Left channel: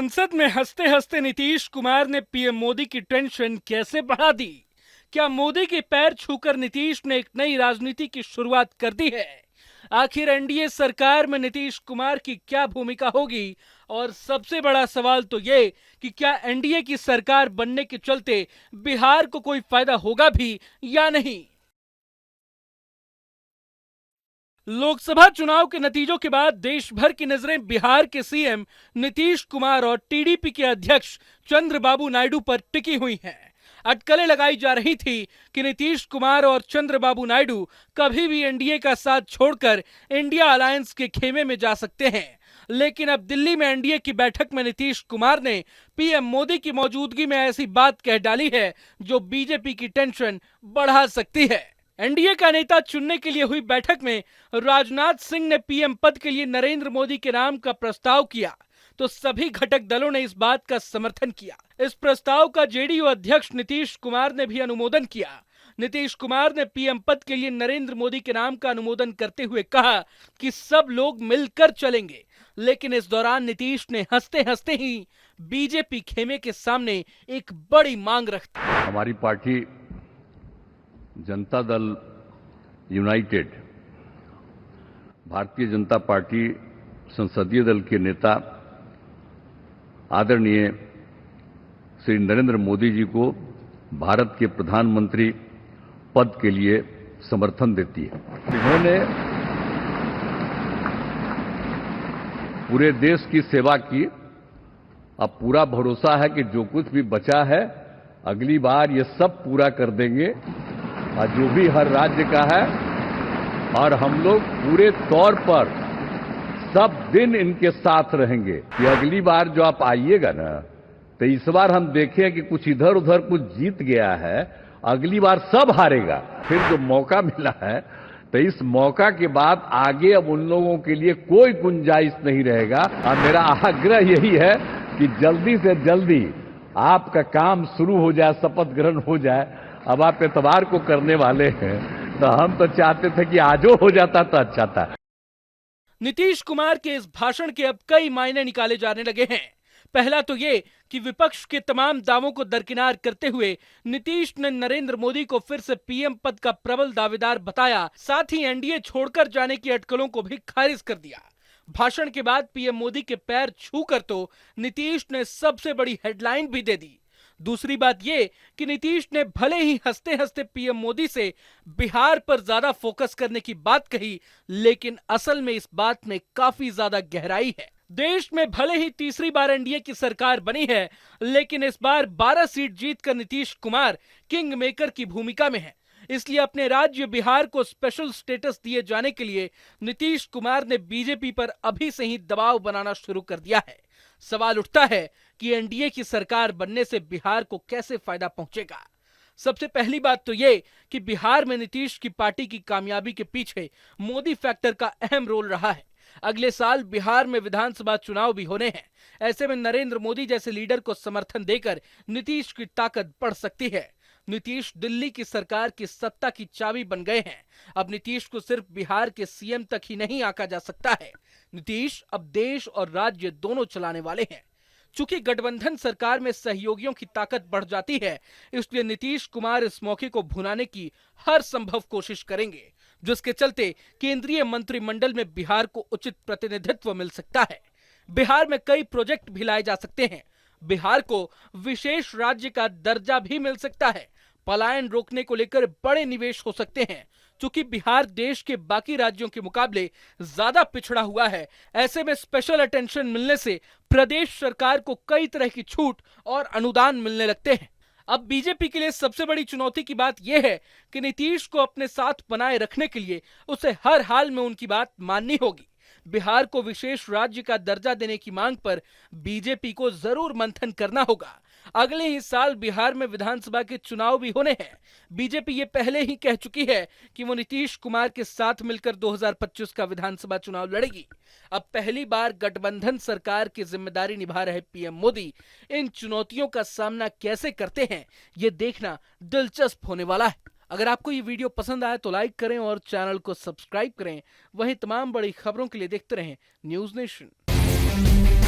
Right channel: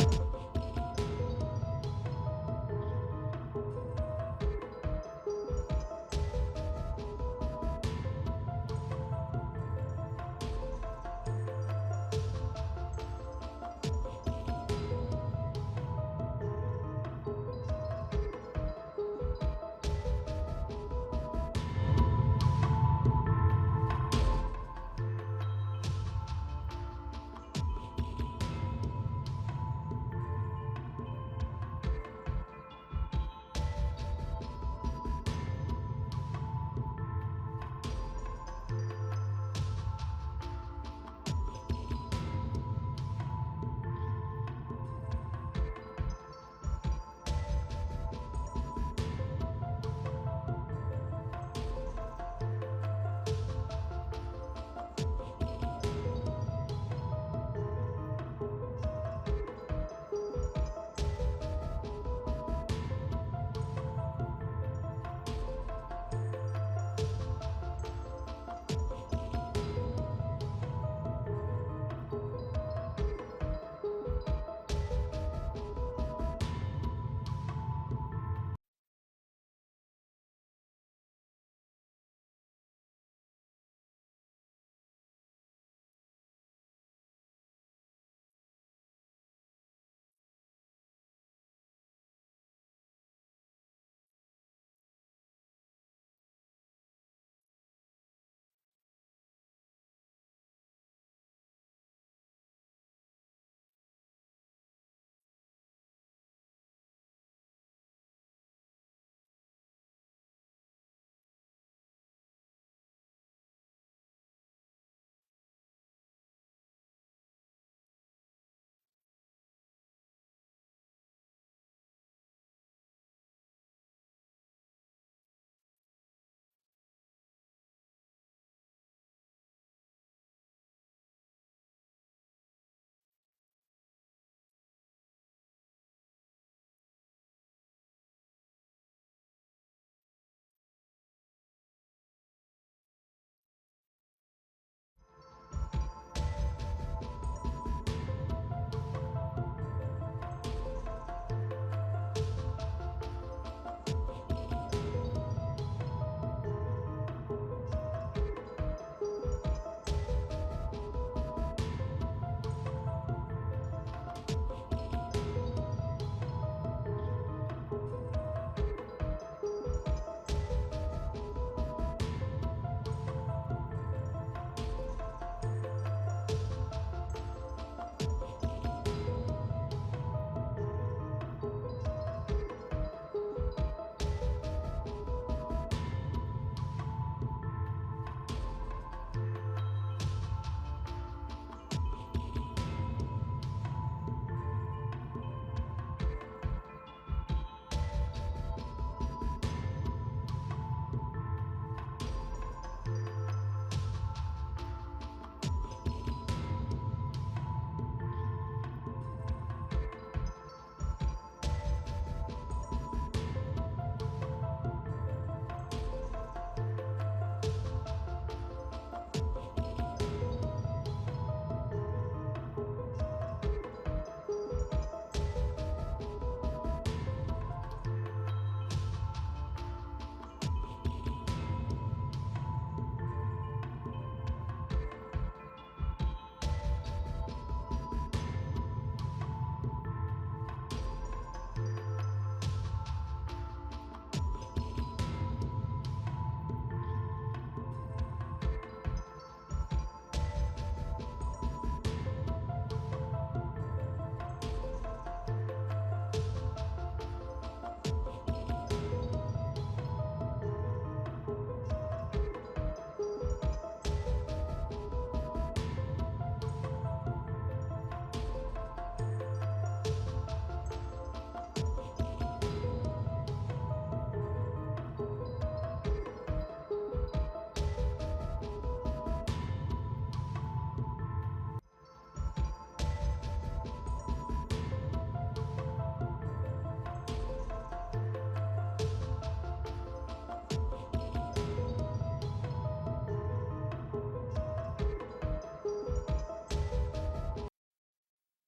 संसद में हंसते हंसते नीतीश कुमार ने पीएम मोदी की टेंशन कैसे बढ़ा दी? क्या मोदी के पैर छूकर नीतीश ने एक नई राजनीति की शुरुआत कर दी है? आखिर एनडीए सरकार में नीतीश कुमार की क्या भूमिका होगी? और सबसे बड़ा सवाल तो ये कि क्या एनडीए की सरकार बनने के चलते बिहार को कोई फायदा होगा भी या नहीं? लोकसभा चुनाव के नतीजों के बाद देश भर की नजरें बिहार के सीएम नीतीश कुमार और टीडीपी के अध्यक्ष चंद्रबाबू नायडू पर टिकी हुई हैं। अटकलें लगाई जा रही थी कि नीतीश कुमार और चंद्रबाबू नायडू कभी भी एनडीए का साथ छोड़कर इंडिया अलायंस के खेमे में जा सकते हैं। लेकिन अब दिल्ली में एनडीए की बैठक में नीतीश कुमार ने पीएम मोदी की मौजूदगी में ऐसी बात कह डाली है जो बीजेपी की टेंशन बढ़ा सकती है। एनडीए का नेता चुनने के लिए हुई बैठक में राजनाथ सिंह ने पीएम पद के लिए नरेंद्र मोदी के नाम का प्रस्ताव किया तो सभी घटक दलों ने इस बात का समर्थन किया। इस प्रस्ताव का जेडीयू अध्यक्ष नीतीश कुमार ने भी अनुमोदन किया। नीतीश कुमार ने पीएम पद के लिए नरेंद्र मोदी के नाम का अनुमोदन करते हुए कहा कि सब लोग मिलकर चलेंगे। लेकिन इस दौरान नीतीश ने हंसते हंसते ही बीजेपी खेमे के सामने एक बड़ी मांग रखी। हमारी party Janata Dal United Bharatiya Janata party संसदीय दल के नेता आदरणीय श्री नरेंद्र मोदी जी को भारत के प्रधानमंत्री पद के लिए समर्थन देती है। इन्होंने पूरे देश की सेवा की। अब पूरा भरोसा है कि जो कुछ भी बचा है अगली बार ये सब पूरा कर देंगे और जो भी हर राज्य का है, और हम लोग पूरे तौर पर सब दिन इनके साथ रहेंगे कि अगली बार जो आप आइएगा ना, तो इस बार हम देखें कि कुछ इधर उधर कुछ जीत गया है, अगली बार सब हारेगा। फिर जो मौका मिला है तो इस मौका के बाद आगे अब उन लोगों के लिए कोई गुंजाइश नहीं रहेगा। और मेरा आग्रह यही है कि जल्दी से जल्दी आपका काम शुरू हो जाए, शपथ ग्रहण हो जाए। अब आप इतवार को करने वाले हैं तो हम तो चाहते थे कि आजो हो जाता तो अच्छा था। नीतीश कुमार के इस भाषण के अब कई मायने निकाले जाने लगे हैं। पहला तो ये कि विपक्ष के तमाम दावों को दरकिनार करते हुए नीतीश ने नरेंद्र मोदी को फिर से पीएम पद का प्रबल दावेदार बताया। साथ ही एनडीए छोड़कर जाने की अटकलों को भी खारिज कर दिया। भाषण के बाद पीएम मोदी के पैर छूकर तो नीतीश ने सबसे बड़ी हेडलाइन भी दे दी। दूसरी बात ये कि नीतीश ने भले ही हंसते हंसते पीएम मोदी से बिहार पर ज्यादा फोकस करने की बात कही, लेकिन असल में इस बात में काफी ज्यादा गहराई है। देश में भले ही तीसरी बार एनडीए की सरकार बनी है, लेकिन इस बार 12 सीट जीतकर नीतीश कुमार किंग मेकर की भूमिका में है। इसलिए अपने राज्य बिहार को स्पेशल स्टेटस दिए जाने के लिए नीतीश कुमार ने बीजेपी पर अभी से ही दबाव बनाना शुरू कर दिया है। सवाल उठता है कि एनडीए की सरकार बनने से बिहार को कैसे फायदा पहुंचेगा। सबसे पहली बात तो ये कि बिहार में नीतीश की पार्टी की कामयाबी के पीछे मोदी फैक्टर का अहम रोल रहा है। अगले साल बिहार में विधानसभा चुनाव भी होने हैं। ऐसे में नरेंद्र मोदी जैसे लीडर को समर्थन देकर नीतीश की ताकत बढ़ सकती है। नीतीश दिल्ली की सरकार की सत्ता की चाबी बन गए हैं। अब नीतीश को सिर्फ बिहार के सीएम तक ही नहीं आंका जा सकता है। नीतीश अब देश और राज्य दोनों चलाने वाले हैं। चूंकि गठबंधन सरकार में सहयोगियों की ताकत बढ़ जाती है, इसलिए नीतीश कुमार इस मौके को भुनाने की हर संभव कोशिश करेंगे, जिसके चलते केंद्रीय मंत्रिमंडल में बिहार को उचित प्रतिनिधित्व मिल सकता है। बिहार में कई प्रोजेक्ट भी लाए जा सकते हैं। बिहार को विशेष राज्य का दर्जा भी मिल सकता है। पलायन रोकने को लेकर बड़े निवेश हो सकते हैं। चूंकि बिहार देश के बाकी राज्यों के मुकाबले ज्यादा पिछड़ा हुआ है, ऐसे में स्पेशल अटेंशन मिलने से प्रदेश सरकार को कई तरह की छूट और अनुदान मिलने लगते हैं। अब बीजेपी के लिए सबसे बड़ी चुनौती की बात यह है कि नीतीश को अपने साथ बनाए रखने के लिए उसे हर हाल में उनकी बात माननी होगी। बिहार को विशेष राज्य का दर्जा देने की मांग पर बीजेपी को जरूर मंथन करना होगा। अगले ही साल बिहार में विधानसभा के चुनाव भी होने हैं। बीजेपी ये पहले ही कह चुकी है कि वो नीतीश कुमार के साथ मिलकर 2025 का विधानसभा चुनाव लड़ेगी। अब पहली बार गठबंधन सरकार की जिम्मेदारी निभा रहे पीएम मोदी इन चुनौतियों का सामना कैसे करते हैं, ये देखना दिलचस्प होने वाला है। अगर आपको ये वीडियो पसंद आए तो लाइक करें और चैनल को सब्सक्राइब करें। वहीं तमाम बड़ी खबरों के लिए देखते रहें न्यूज़ नेशन।